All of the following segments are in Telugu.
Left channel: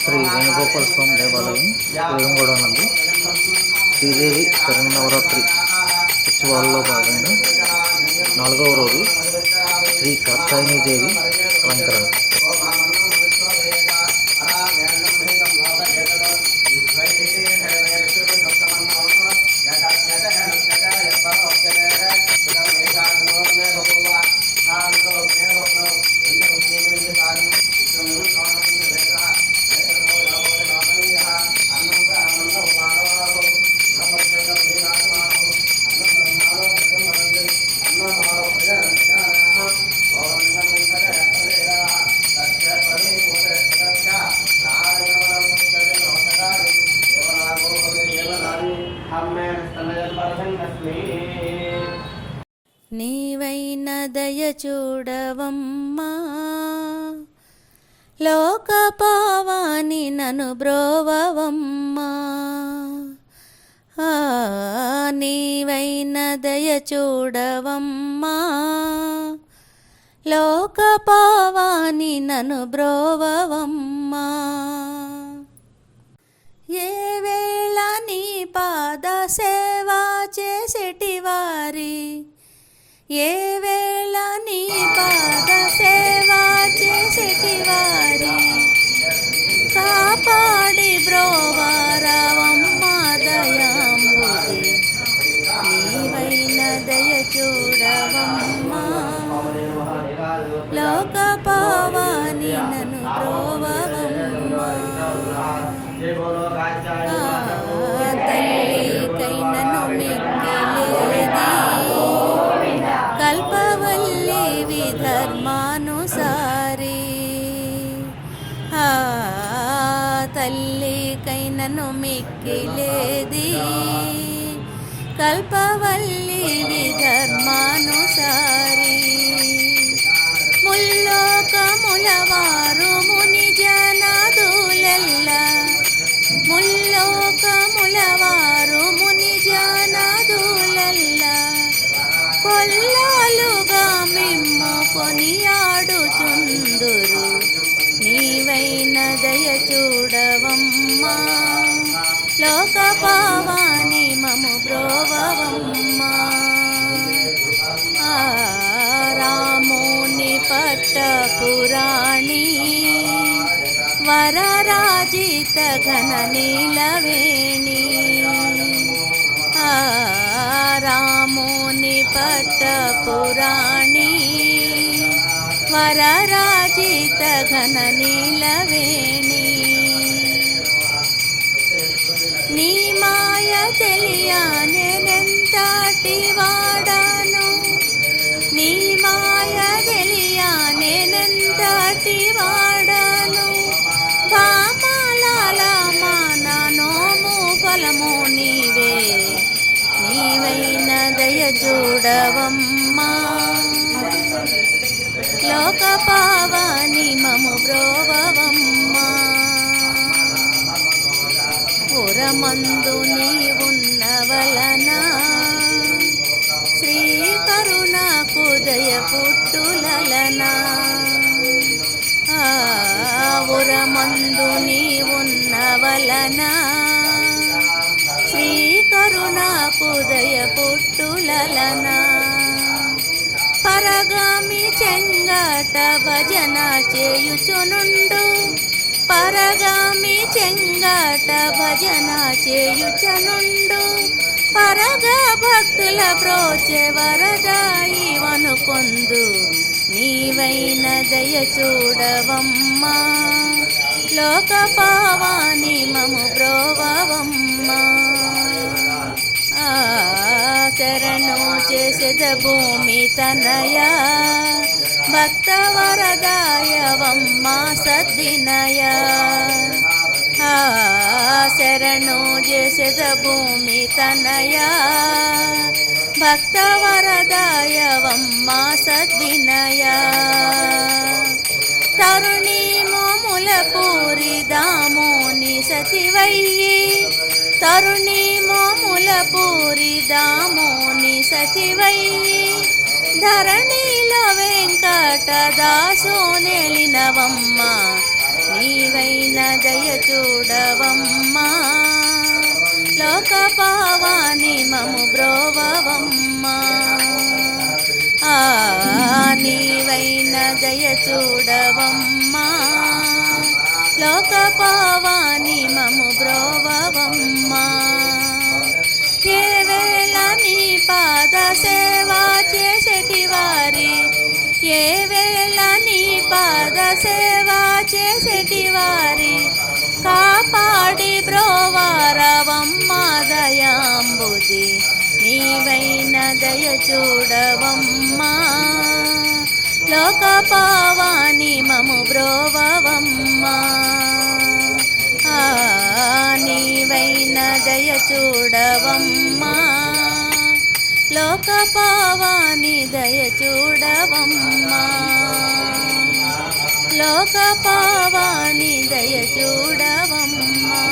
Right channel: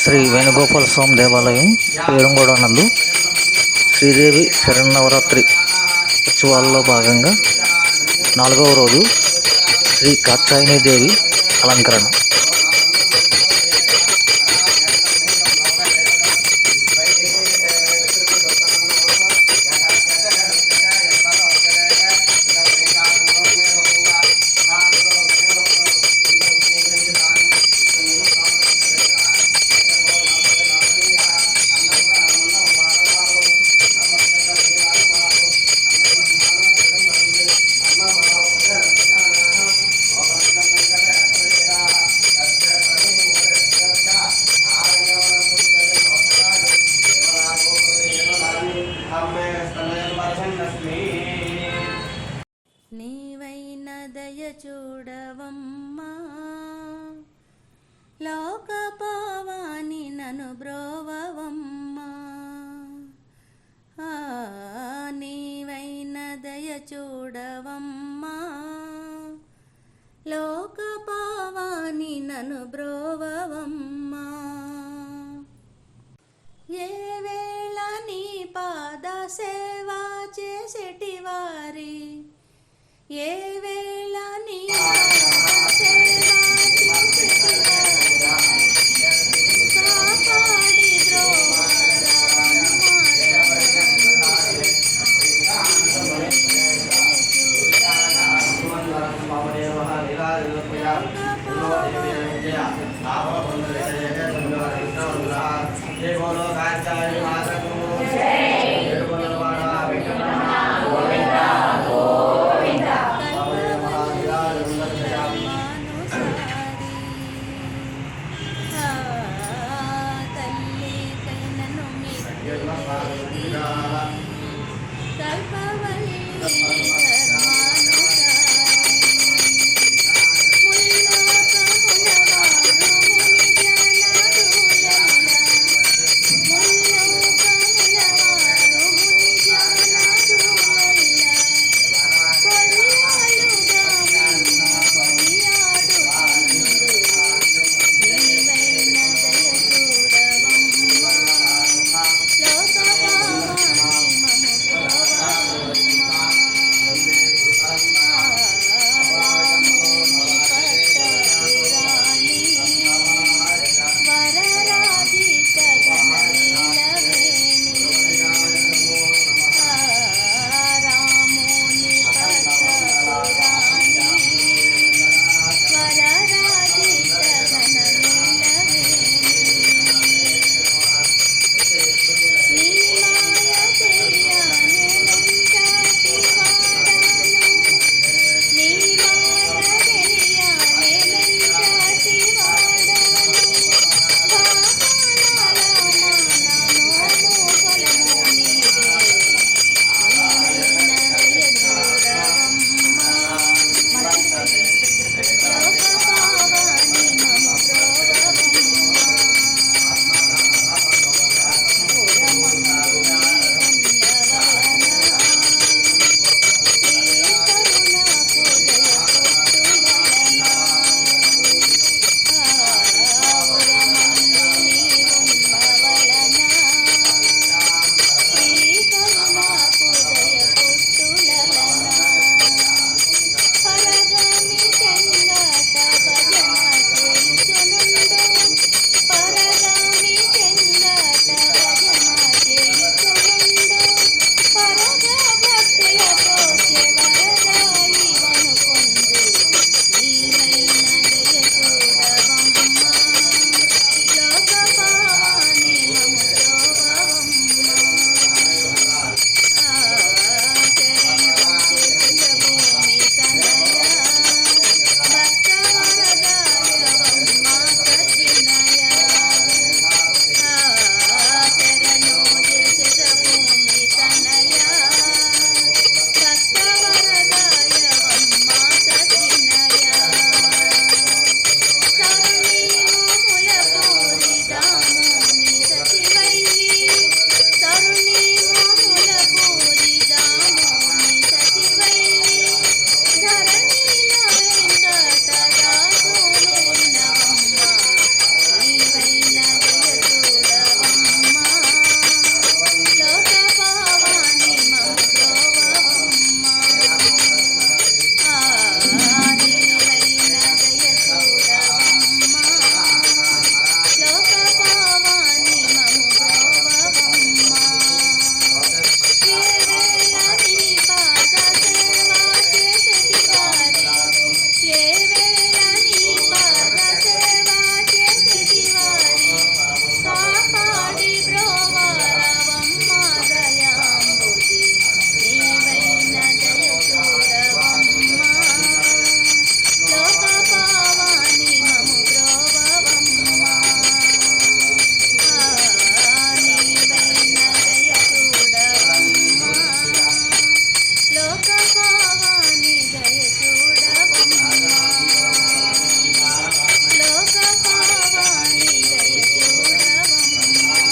శ్రీ వేణుగోపాల స్వామి దేవాలయం పేరుంగూడ నందు శ్రీదేవి శరన్నవరాత్రి ఉత్సవాల్లో భాగంగా 4వ రోజు శ్రీ కాత్యాయనీదేవి అలంకరణ. నీవైన దయ చూడవమ్మా, లోక పావాని నను బ్రోవవమ్మా. నీవైన దయ చూడవమ్మా, లోక పావాని నను బ్రోవవమ్మా. ఏ వేళ నీ పాద సేవా చేసేటి వారి, ఏ వేళ నీ పాద సేవా చేసేటి వారి, కాపాడి బ్రోవారావమ్మా దయామూర్తి. నీవైన దయ చూడవమ్మా, లోక పావాని నన్ను కల్పవల్లి ధర్మానుసారి, తల్లికై నన్ను మిక్కిలేది. కల్పవల్లి ధర్మానుసారి, ముల్లోకముల వారు ముని జనాదులెల్ల, ముల్లోకముల వారు ముని జనాదులెల్ల, కొల్లాలుగా మిమ్ము కొనియాడుచుందురు. నీవైన దయ చూడవమ్మా, లోక పావాని మము బ్రోవవమ్మా. రాముని పట్టపురాణి, వరరాజిత ఘన నీలవేణి. రాముని పట్టపురాణి, వరరాజిత ఘన నీలవేణి. నీ మాయ తెలియనెంతటి వాడను, నీ మాయ తెలియనెంతటి వాడను. కామలాల మాననోము ఫలము నీవే. నీవైన దయ చూడవమ్మా, లోక పావాని మము బ్రోవవమ్మా. పురమందు నీవున్న వలన, శ్రీ కరుణకు దయ పుట్టులలన. పురమందు నీవున్న వలన, శ్రీ కరుణకు దయ పుట్టులలన. పరగామి చెంగట భజన చేయుచునుండు, పరగామి చెంగట భజన చేయుచునుండు. పరగా భక్తుల బ్రోచె వరదాయి వనుకొందు. నీవైన దయ చూడవమ్మా, లోక పావాని మము బ్రోవవమ్మా. శరణు చేసెద భూమి తనయ, భక్త వరదాయవమ్మా సద్వినయ. శరణు చేసెద భూమి తనయ, భక్త వరదాయవమ్మా సద్వినయ. తరుణీ మోముల పూరి దామోని సతివయ్యి, తరుణీ మోముల పూరి దామోని సతివయ్యి. ధరణిలో వెంకట దాసో నెలినవమ్మ, చూడవమ్మా లోక పావాని మము బ్రోవవమ్మా ఏ వేళ నీ పాద సేవా చేసేటి వారి ఏ వేళ నీ పాద సేవా చేసేటి వారి కాపాడి బ్రోవారవమ్మా దయాంబుది నీవైన దయ చూడవమ్మా లోక పావాని మము బ్రోవవమ్మా నీవైన దయ చూడవమ్మా లోక పావాని దయ చూడవమ్మా లోక పావాని దయ చూడవమ్మా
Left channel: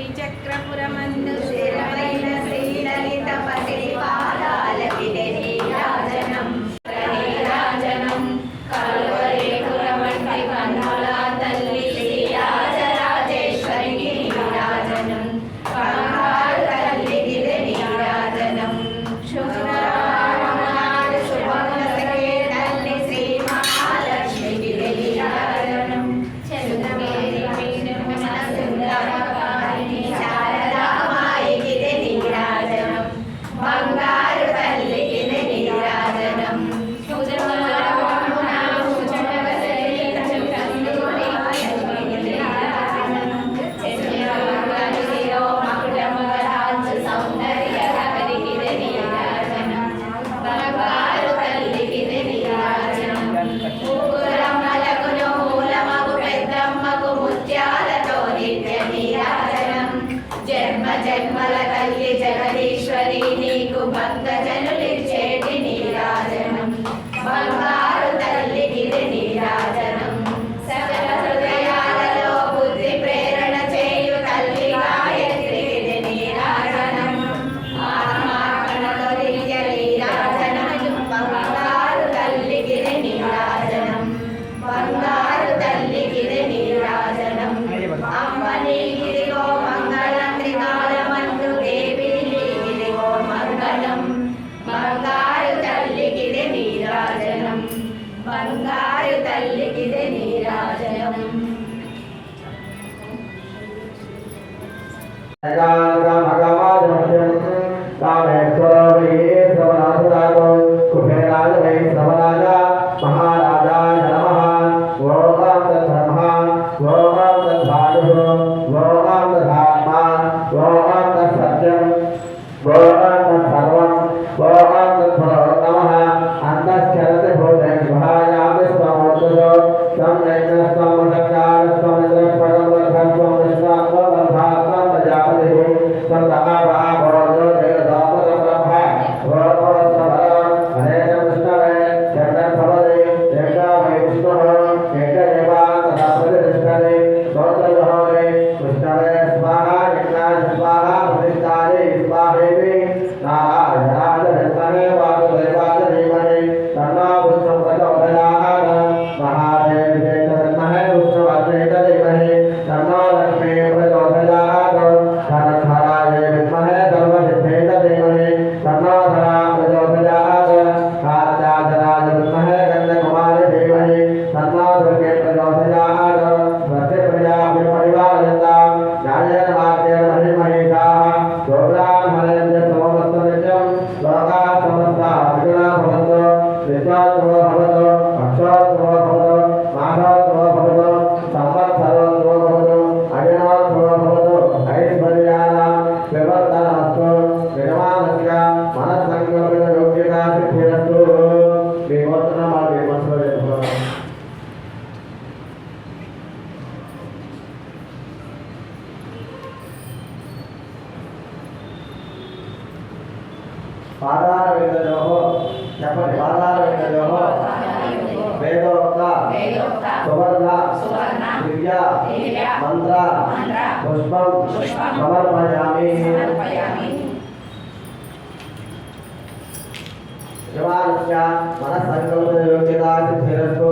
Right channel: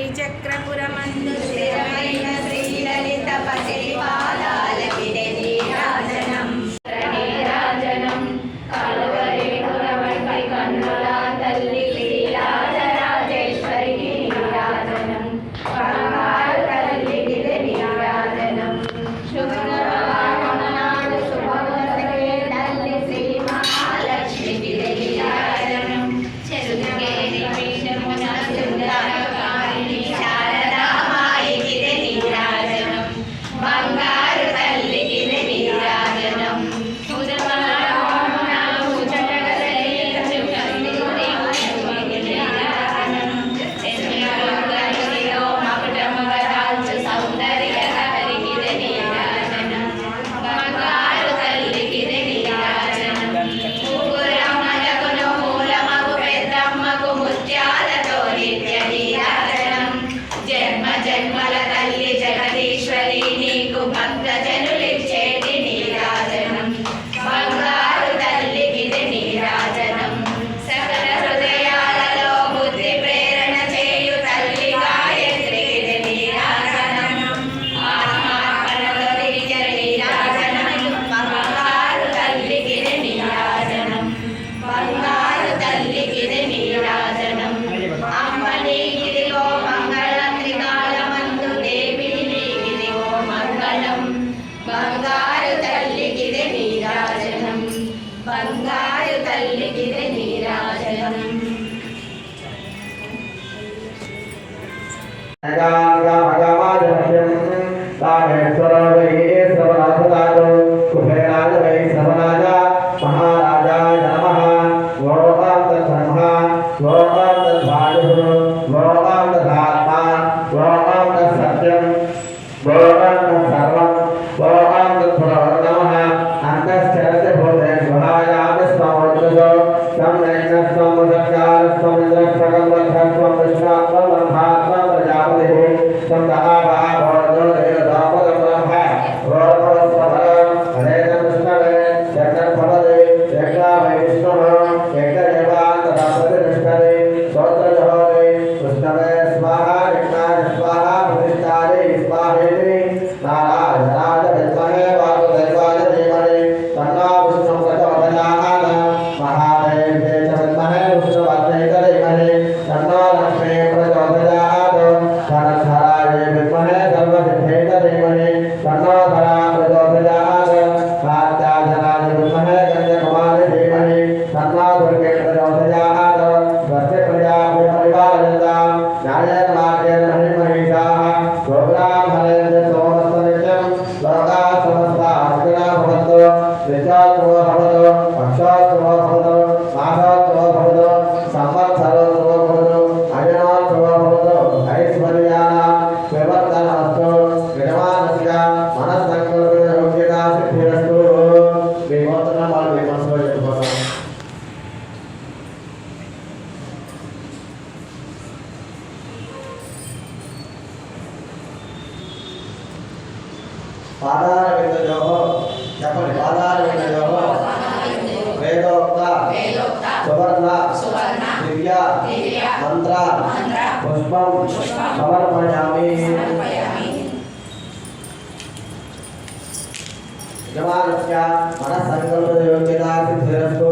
శ్రీచక్రపురమందు స్థిరమైన శ్రీలలిత పతి పాదాలకిదే నీరాజనం నీరాజనం కలువరేకురవంటి కన్నుల తల్లి శ్రీరాజరాజేశ్వరి నీరాజనం బంగారు తల్లికిదే నీరాజనం శుభ్రవాహనాడు శుభములకే తల్లి శ్రీ మహాలక్ష్మికిదే నీరాజనం చెరుగేరి పీఠమున సుందరకారిణి శారదామాయికిదే నీరాజనం బంగారు తల్లికిదే నీరాజనం జన్మ జన్మల తల్లి జగదీశ్వరి నీకు భక్త జనులిచ్చేటి నీరాజనం బంగారు తల్లికిది నీరాజనం సకల హృదయాలలో బుద్ధి ప్రేరణ చేయు తల్లి గాయత్రికిది నీరాజనం ఆత్మార్పణతో నిత్య నీరాజనం బంగారు తల్లికిది నీరాజనం బంగారు తల్లికిది నీరాజనం అమ్మ నీకిదిగో మంగళం త్రికాలమందు దేవి నీకిదిగో మంగళం బంగారు తల్లికిది నీరాజనం బంగారు తల్లికిది నీరాజనం महाराजाय नमः ओम तत्ब्रह्म ओम तद्भानुः ओम तदात्मा ओम तत्सत्यम् ओम तत्सर्वम् ओम तत्पुरो नमः अन्तश्चरति भूते स्वहायामि स्वमोक्षसो त्वं नैनस्त्वं वसङ्गारस्त्वम् इन्द्रस्त्वं रथस्त्वं विश्वात्मं ब्रह्मात्मं प्रजापतिः त्वं महाभावो देवतापदं ब्रह्म ओम हरे कृष्णवे जगन्पदे एकमेव विष्णुः एकदेवान् तथा प्रतिष्ठते स्तोत्रजहोरे कृष्णवे स्वाहा कृष्णाय स्वाहा प्रतिष्ठाये स्वाहेति नारायणाय विद्महे वासुदेवाय धीमहि तन्नो विष्णुः प्रचोदयात् महादेव्यै च विद्महे विष्णुपत्न्यै च धीमहि तन्नो लक्ष्मीः प्रचोदयात् धनधराय विद्महे सर्वसिद्ध्यै च धीमहि तन्नो धरा प्रचोदयात् कात्यायनाय विद्महे गन्धकुमारी धीमहि तन्नो दुर्गे प्रचोदयात् स्वस्य प्रजाभ्य परिपालयन्तां न्यायेन मार्गेण महिमहिषाः गोब्राह्मणेन्द्र सोमस्तनित्यं लोकाः समस्ताः सुखिनः भवन्तु नित्योत्सवो भवतु पक्षोत्सवो भवतु मासोत्सवो भवतु संवत्सरोत्सवो भवतु अयनोत्सवो भवतु ऐश्वर्याणां विवर्धनमस्तु निर्माणस्य मनस्सङ्कल्पितयोग्यता सिद्धिरस्तु विमोचनमार्गे मनसो यत्पदाम् पादारविन्दयोः చెప్పండి పాదారవిन्दयोः వేదోక్త సువర్ణ దివ్య మంత్ర పుష్పం సమర్పయామి యమానస్య మనస్సంకల్పయోగ్యతా సిద్ధిరస్తు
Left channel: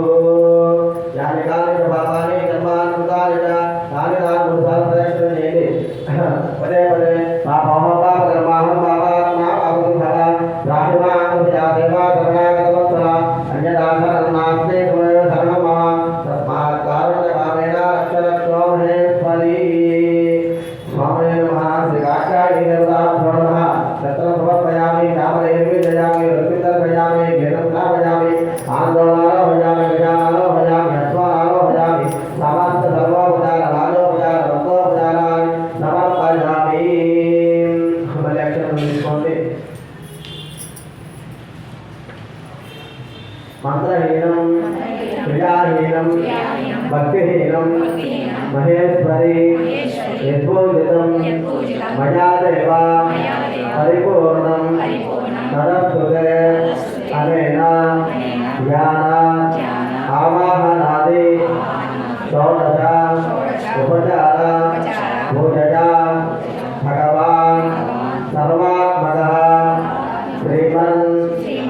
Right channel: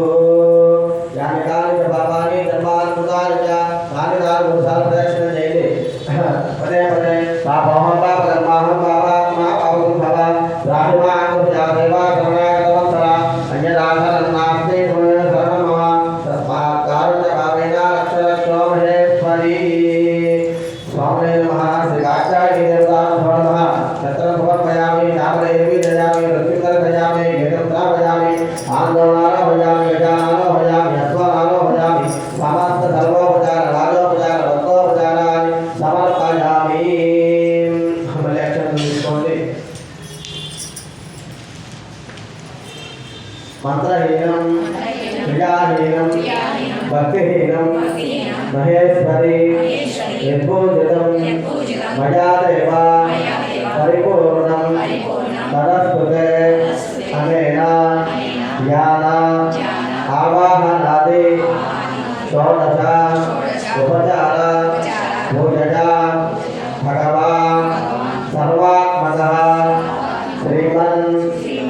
భక్తిహీనం మహేశ్వరి యద్భూజితం మయా దేవ పరిపూర్ణం తదస్కృతే అనేన ధ్యాన ఆవాహనాది షోడశ ఉపచార పూజయా భగవాన్ సర్వాత్మకః శ్రీమన్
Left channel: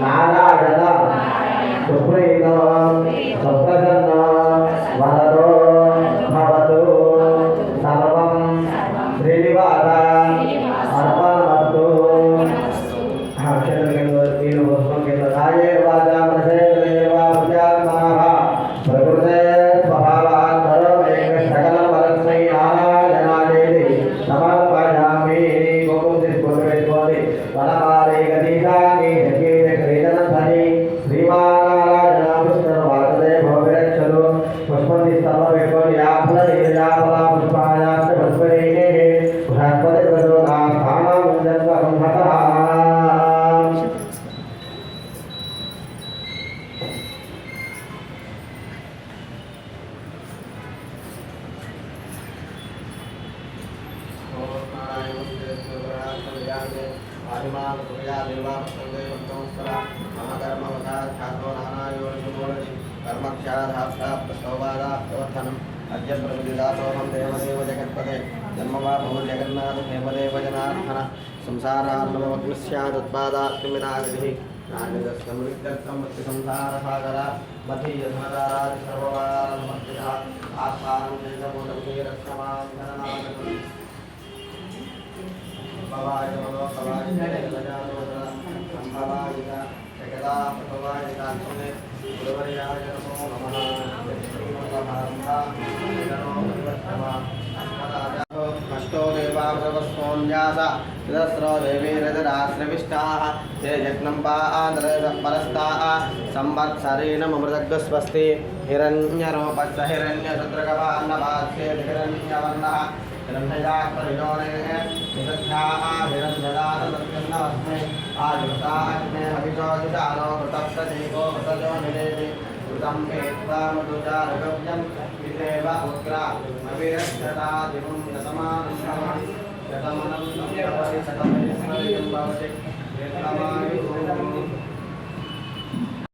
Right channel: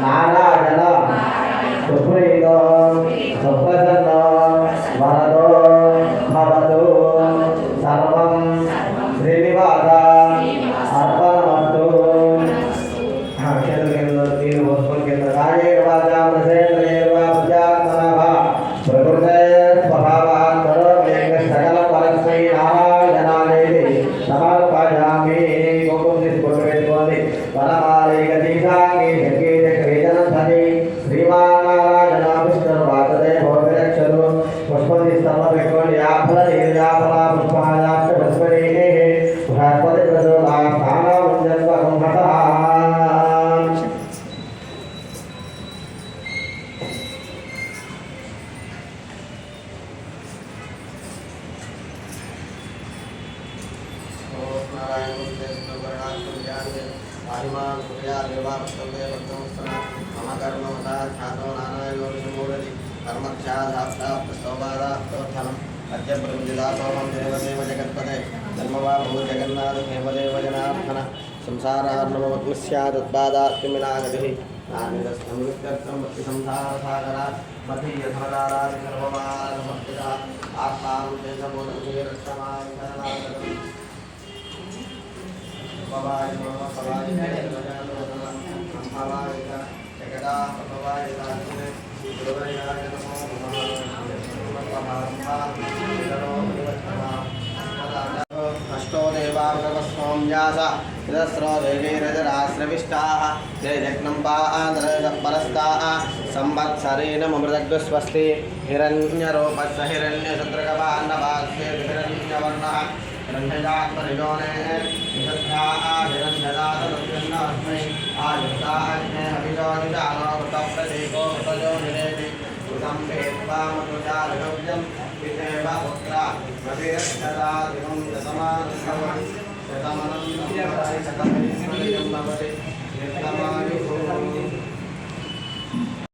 నారాయణ సుప్రీతో సుప్రసన్నో వరదో భవతు సర్వం శ్రీనివాస అర్పణమస్తు. ప్రకృతే స్వభావాన్ సకల పరస్మై నారాయణాదేవి సమర్పయామి. కుంకుమ తీసుకొని వనమాలి గతీశాంగి క్రీడనధని శ్రీమానారాయణ విష్ణుర్వాసదే భోగరక్షలు పుష్పతి స్థల పెట్టుకొని యాఫల యాఫల పుష్పాయాస్త పుష్పరీ బృహస్పతి ప్రచోదా స్థానం హత. అద్య ప్రమిదాసోహం దేవదేవ జగత్పదే జన్మవా భూ జగన్నాథ దేవదేవ జనార్దన సంసారార్ణవగ్నస్యాదుత్పాదాత్మినాగతి నానిరస్నమృత్యర్థమృత్తి సంసారసాగర మధీయధనదారాది సర్వమానమస్తిర ఆత్మానం చేతమోదముఖేరక్షమాం శరణాగతం భవాయ నమో భవాయ గజానోదన సంభవాయ జగదా భవాయ రాజ్ఞే గురువర్యాయ నమో నమః. అష్టో దేవామృతస్వాం వ్యాస విదస్రో దేవీరజరాశ్రవిష్టాః ते जग्नम्बान्द्रः परस्ताः संवत्सरेण ममृतग्स्वस्ति हिरण्यरूपस्य हिरण्यशत्रुगवान्नवास्य हिरण्यवर्णः हिरण्यजातयोने हिरण्यदाहिरण्यदातस्मै आयुक्ताग्ने हविजोदिजानो कृतप्रतीको कृतजोनिरेति कृतं वेत्त्वामृतुजालगव्यं पितेव पुत्र अविरक्षतादिवं शतमानं शतमनं भवति शतमिस्मरितं भवति